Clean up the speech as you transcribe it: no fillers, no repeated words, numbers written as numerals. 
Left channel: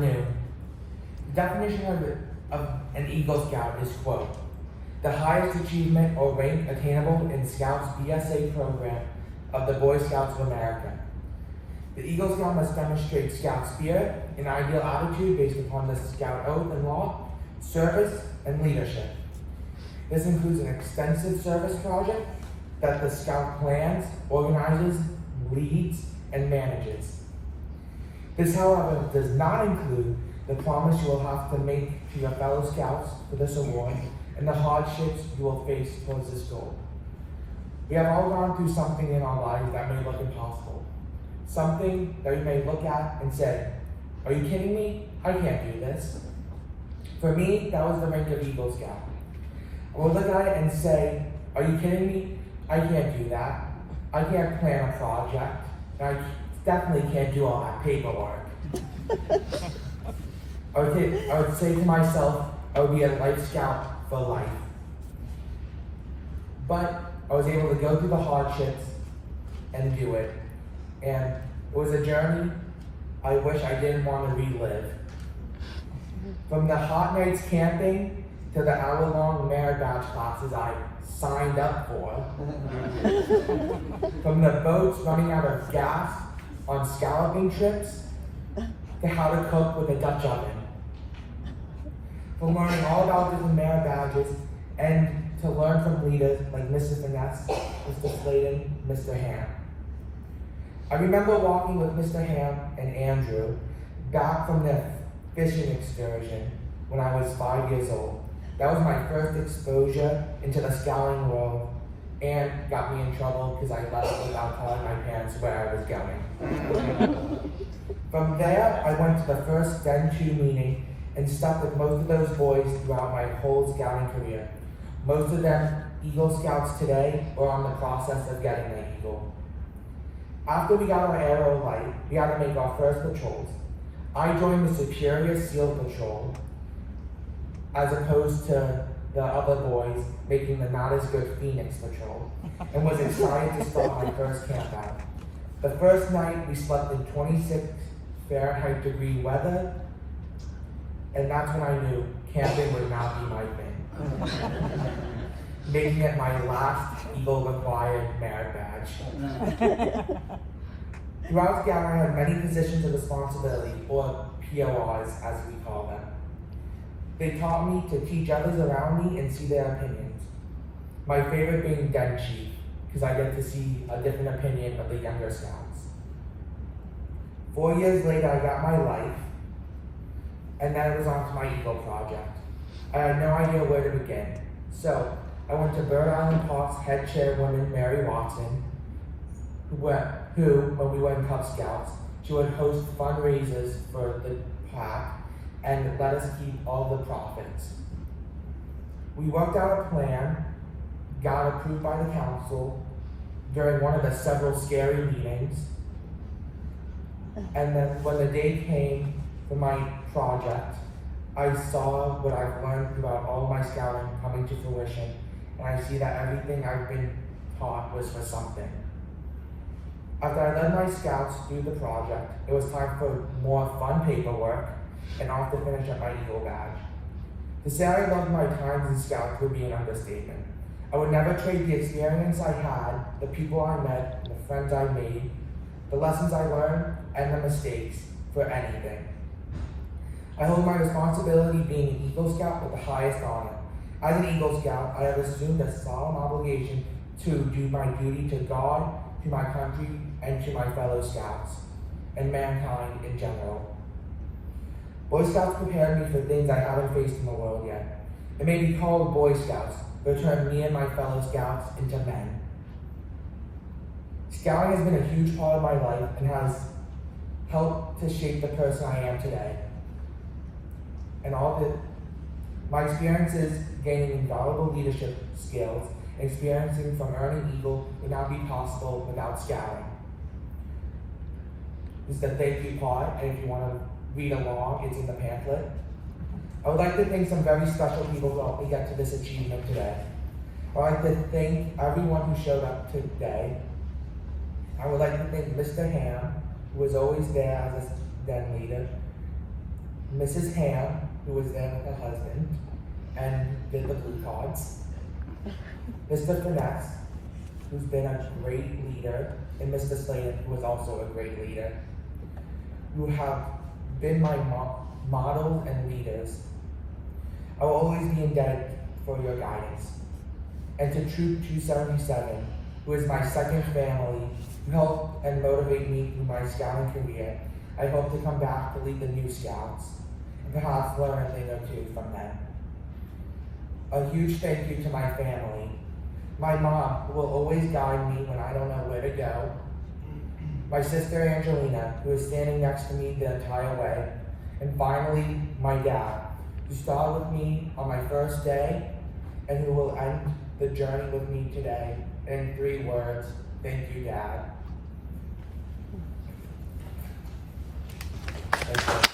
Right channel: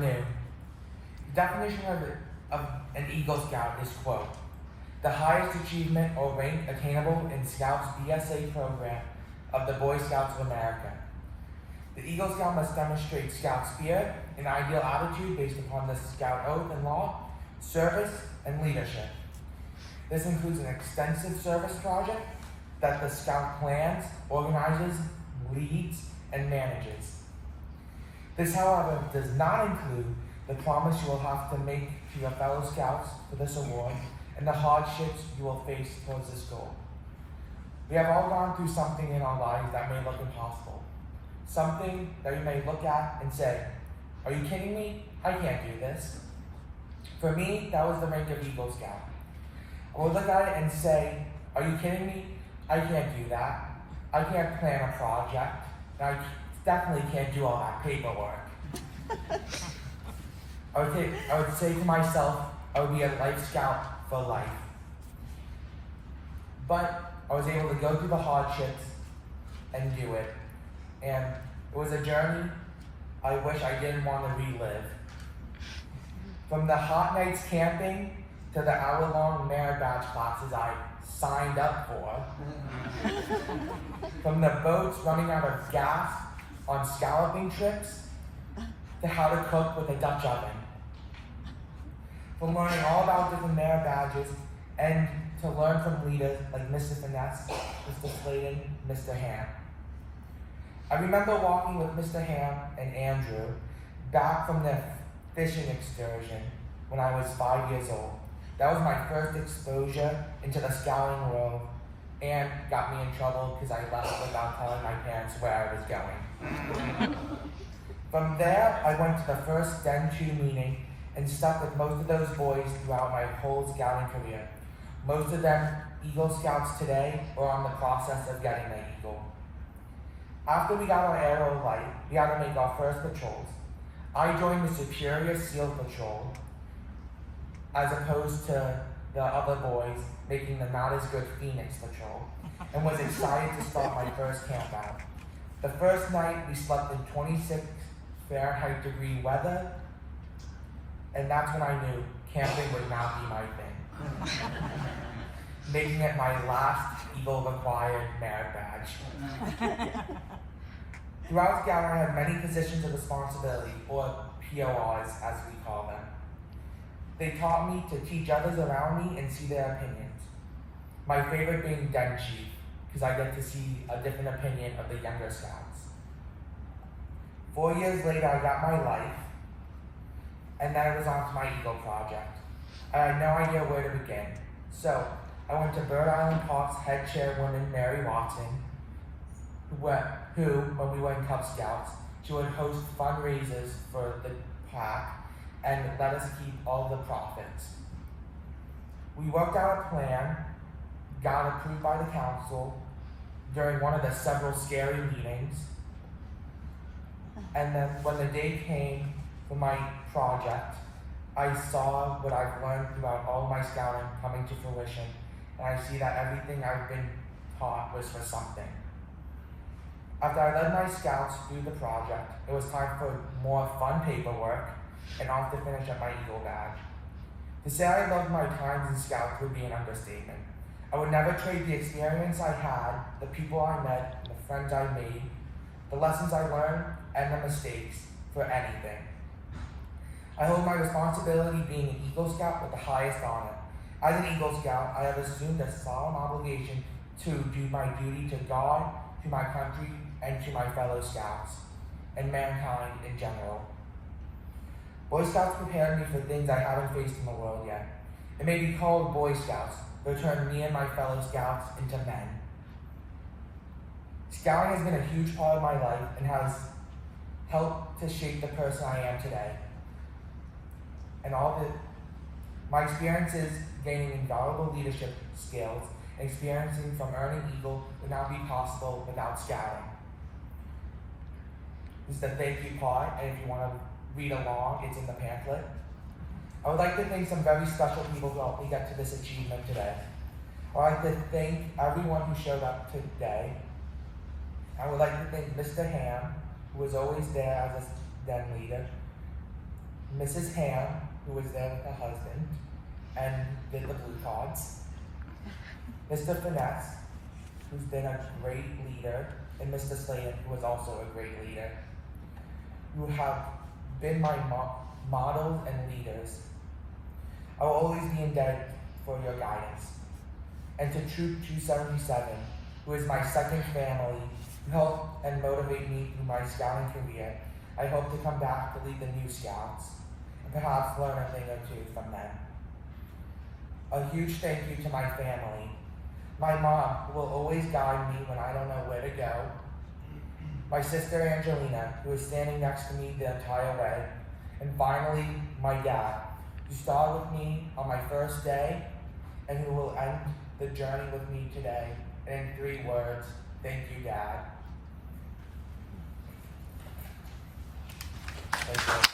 afternoon. The definition of an Eagle Scout is, quote, the highest achievement or rank attainable in Scouts BSA program of the Boy Scouts of America. The Eagle Scout must demonstrate Scout spirit, an ideal attitude based upon the Scout oath and law, service, and leadership. This includes an extensive service project that the Scout plans, organizes, leads, and manages. This, however, does not include the promise you will have to make to your fellow Scouts for this award and the hardships you will face towards this goal. We have all gone through something in our lives that may look impossible. Something that you may look at and say, are you kidding me? I can't do this. For me, that was the rank of Eagle Scout. I would look at it and say, are you kidding me? I can't do that. I can't plan a project. And I definitely can't do all that paperwork. I would say to myself, I would be a Life Scout for life. But I was able to go through the hardships and do it. And it was a journey I wish I didn't want to relive. From the hot nights camping to the hour-long merit badge classes I signed up for. From the boats running out of gas on scalloping trips to how to cook with a Dutch oven. From learning all about different merit badges and to learn from leaders like Mr. Finesse, Mr. Sladen, Mr. Ham. I remember walking with Mr. Ham and Andrew back from their fishing excursion when I was 5 years old. That was my first exposure into the scouting world and got me in trouble because I left without telling my parents where I was going. From there, I went to the first Den 2 meeting and stuck with most of those boys throughout my whole scouting career. Most of them Eagle Scouts today or on the process of getting an Eagle. After we got our aero light, we had to make our first patrols. I joined the Superior SEAL Patrol as opposed to the other boys making the not as good Phoenix Patrol and was excited to start my first camp out. The first night we slept in 26 Fahrenheit degree weather, and that's when I knew camping would not be my thing. Making it my last Eagle required merit badge. Throughout Scouting, I had many positions of responsibility, or PORs as we call them. They taught me to teach others around me and see their opinions. My favorite being Den Chief, because I get to see a different opinion of the younger Scouts. 4 years later, I got my life, and then it was on to my Eagle project. I had no idea where to begin. So, I went to Bird Island Park's head chairwoman, Mary Watson, who, when we were in Cub Scouts, she would host fundraisers for the pack and let us keep all the profits. We worked out a plan, got approved by the council during one of the several scary meetings, and then when the day came for my project, I saw what I've learned throughout all my scouting coming to fruition, and I see that everything I've been taught was for something. After I led my scouts through the project, it was time for more fun paperwork and off to finish up my Eagle badge. To say I loved my times in Scouts would be an understatement. I would never trade the experience I had, the people I met, the friends I made, the lessons I learned, and the mistakes for anything. I hold my responsibility being an Eagle Scout with the highest honor. As an Eagle Scout, I have assumed a solemn obligation to do my duty to God, to my country, and to my fellow Scouts, and mankind in general. Boy Scouts prepared me for things I haven't faced in the world yet. It may be called Boy Scouts, but turned me and my fellow Scouts into men. Scouting has been a huge part of my life and has helped to shape the person I am today. And my experiences gaining invaluable leadership skills and experiencing from earning Eagle would not be possible without Scouting. This is the thank you part, and if you want to read along, it's in the pamphlet. I would like to thank some very special people who helped me get to this achievement today. I would like to thank everyone who showed up today. I would like to thank Mr. Ham, who was always there as a den leader. Mrs. Ham, who was there with her husband and did the blue cards, Mr. Finesse, who's been a great leader, and Mr. Slayton, who was also a great leader, who have been my models and leaders. I will always be indebted for your guidance. And to Troop 277, who is my second family, who helped and motivate me through my scouting career, I hope to come back to lead the new scouts and perhaps learn a thing or two from them. A huge thank you to my family. My mom, who will always guide me when I don't know where to go. My sister Angelina, who is standing next to me the entire way. And finally, my dad, who started with me on my first day and who will end the journey with me today. And in 3 words, thank you, Dad. Thank you.